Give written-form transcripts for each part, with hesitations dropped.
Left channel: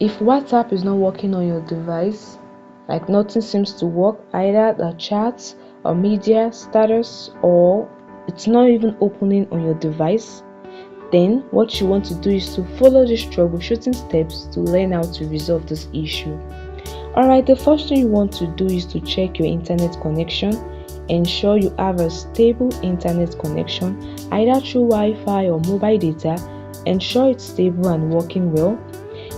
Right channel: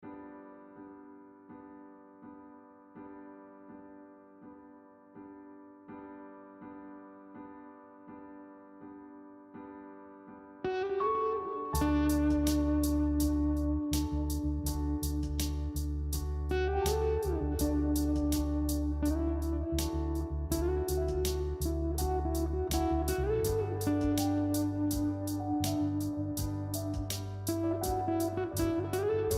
If WhatsApp is not working on your device, like nothing seems to work, either the chats or media status, or it's not even opening on your device, then what you want to do is to follow these troubleshooting steps to learn how to resolve this issue. Alright, the first thing you want to do is to check your internet connection. Ensure you have a stable internet connection, either through Wi-Fi or mobile data. Ensure it's stable and working well.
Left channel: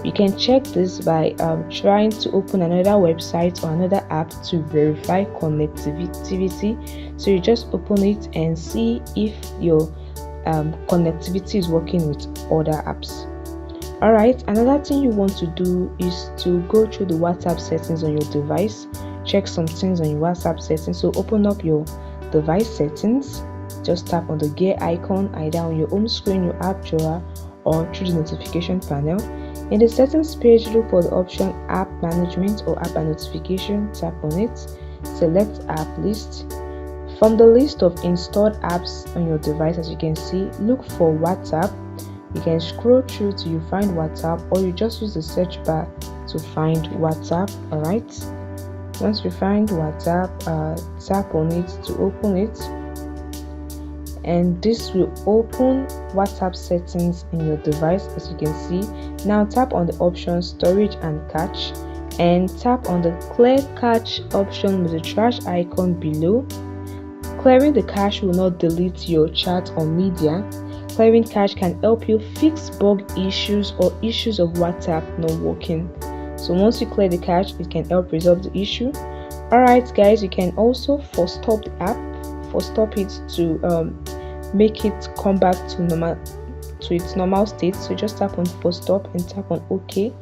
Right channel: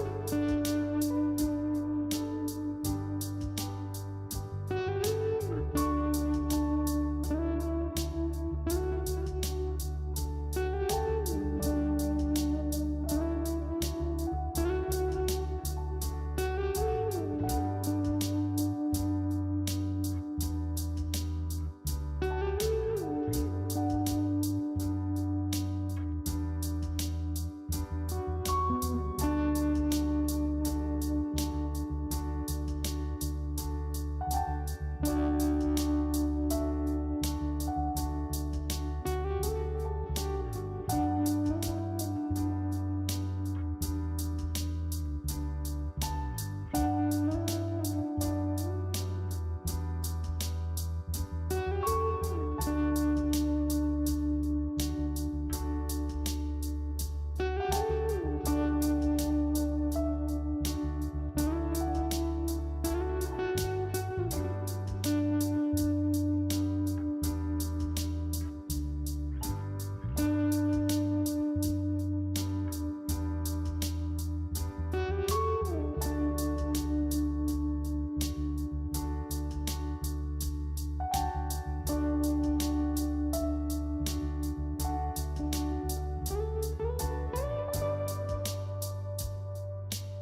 You can check this by trying to open another website or another app to verify connectivity. So you just open it and see if your connectivity is working with other apps. Alright, another thing you want to do is to go through the WhatsApp settings on your device. Check some things on your WhatsApp settings. So open up your device settings. Just tap on the gear icon either on your home screen, your app drawer, or through the notification panel. In the settings page, look for the option App Management or App and Notification. Tap on it. Select App List. From the list of installed apps on your device, as you can see, look for WhatsApp. You can scroll through till you find WhatsApp, or you just use the search bar to find WhatsApp. Alright, once you find WhatsApp, tap on it to open it, and this will open WhatsApp settings in your device, as you can see. Now tap on the option Storage and Cache, and tap on the Clear Cache option with the trash icon below. Clearing the cache will not delete your chat or media. Clearing cache can help you fix bug issues or issues of WhatsApp not working. So once you clear the cache, it can help resolve the issue. Alright guys, you can also force stop the app, force stop it to make it come back to its normal state. So just tap on force stop and tap on OK.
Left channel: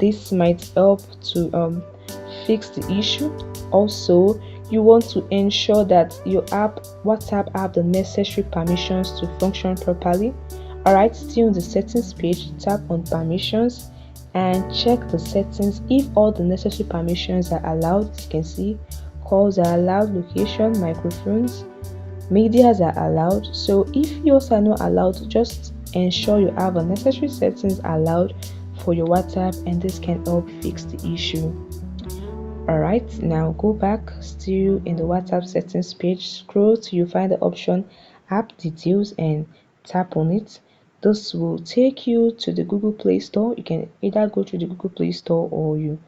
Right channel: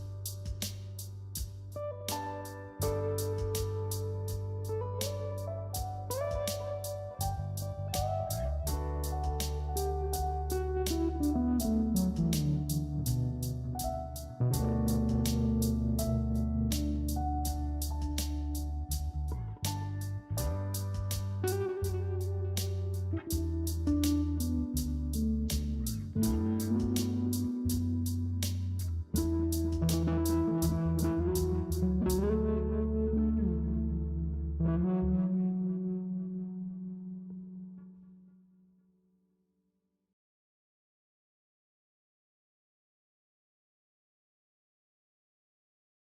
This might help to fix the issue. Also, you want to ensure that your WhatsApp have the necessary permissions to function properly. Alright, still on the settings page, tap on permissions and check the settings if all the necessary permissions are allowed. You can see calls are allowed, location, microphones, medias are allowed. So if yours are not allowed, just ensure you have the necessary settings allowed for your WhatsApp, and this can help fix the issue. Alright, now go back, still in the WhatsApp settings page, scroll till you find the option App Details and tap on it. This will take you to the Google Play Store. You can either go to the Google Play Store or you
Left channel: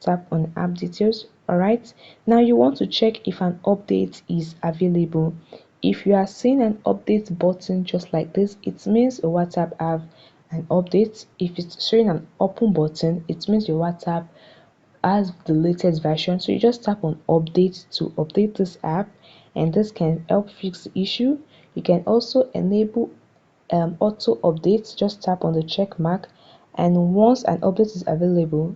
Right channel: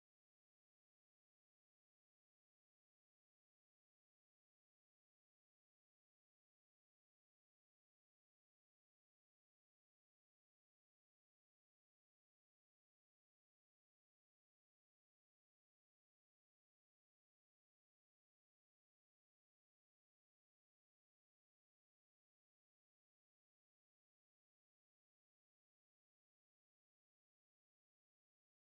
tap on App Details. Alright, now you want to check if an update is available. If you are seeing an update button just like this, it means your WhatsApp have an update. If it's showing an open button, it means your WhatsApp has the latest version. So you just tap on update to update this app, and this can help fix the issue. You can also enable auto updates. Just tap on the check mark, and once an update is available,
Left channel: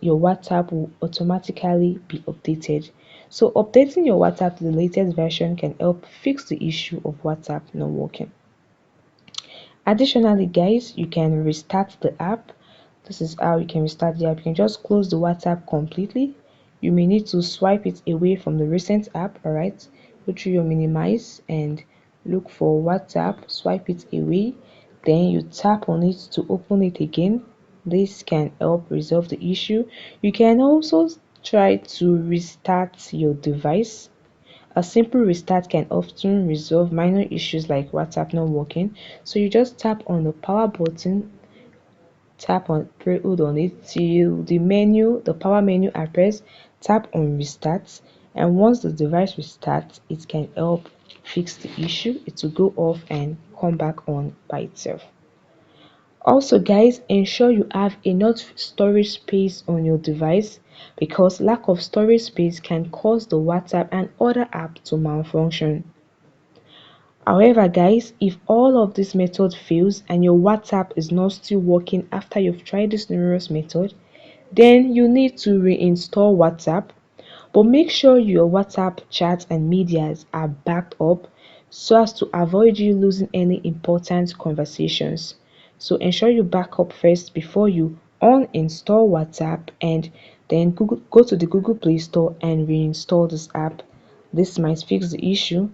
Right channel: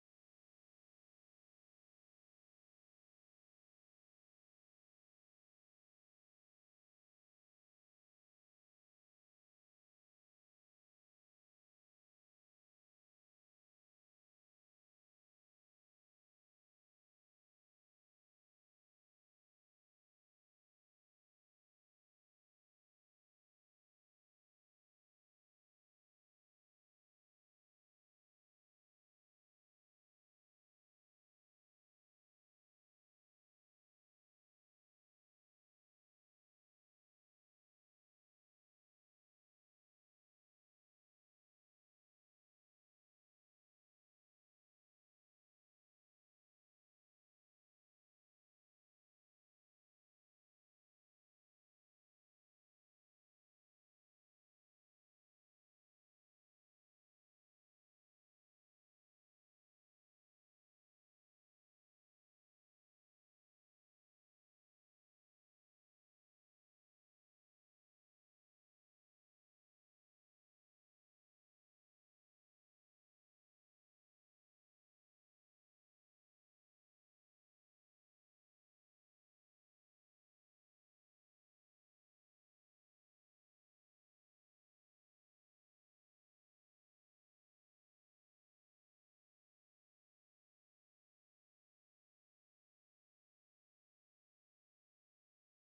your WhatsApp will automatically be updated. So updating your WhatsApp to the latest version can help fix the issue of WhatsApp not working. Additionally guys, you can restart the app. This is how you can restart the app. You can just close the WhatsApp completely. You may need to swipe it away from the recent app. Alright, go through your minimize and look for WhatsApp, swipe it away, then you tap on it to open it again. This can help resolve the issue. You can also try to restart your device. A simple restart can often resolve minor issues like WhatsApp not working. So you just tap on the power button, hold on it till the power menu appears. Tap on restart, and once the device restarts, it can help fix the issue. It will go off and come back on by itself. Also guys, ensure you have enough storage space on your device, because lack of storage space can cause the WhatsApp and other apps to malfunction. However guys, if all of this method fails and your WhatsApp is not still working after you've tried this numerous method, then you need to reinstall WhatsApp. But make sure your WhatsApp chats and medias are backed up so as to avoid you losing any important conversations. So ensure you back up first before you uninstall WhatsApp, and then go to the Google Play Store and reinstall this app. This might fix the issue.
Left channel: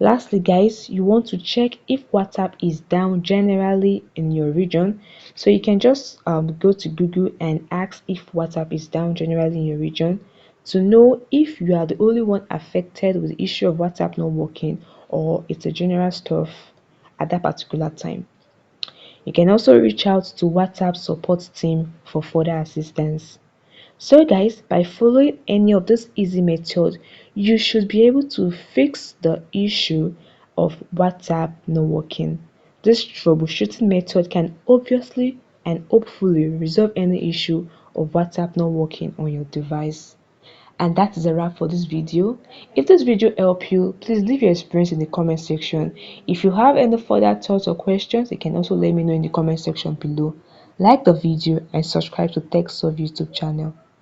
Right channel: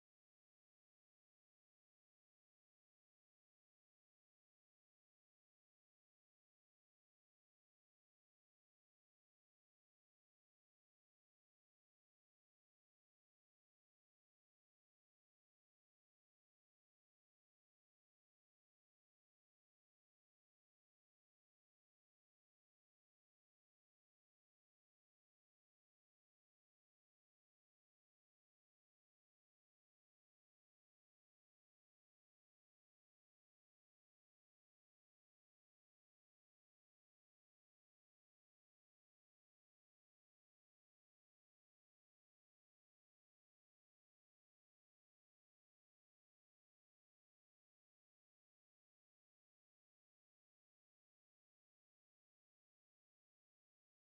Lastly, guys, you want to check if WhatsApp is down generally in your region. So you can just go to Google and ask if WhatsApp is down generally in your region to know if you are the only one affected with the issue of WhatsApp not working, or it's a general stuff at that particular time. You can also reach out to WhatsApp support team for further assistance. So guys, by following any of this easy method, you should be able to fix the issue of WhatsApp not working. This troubleshooting method can obviously and hopefully resolve any issue of WhatsApp not working on your device. And that is a wrap for this video. If this video helped you, please leave your experience in the comment section. If you have any further thoughts or questions, you can also let me know in the comment section below. Like the video and subscribe to TechSolve YouTube channel.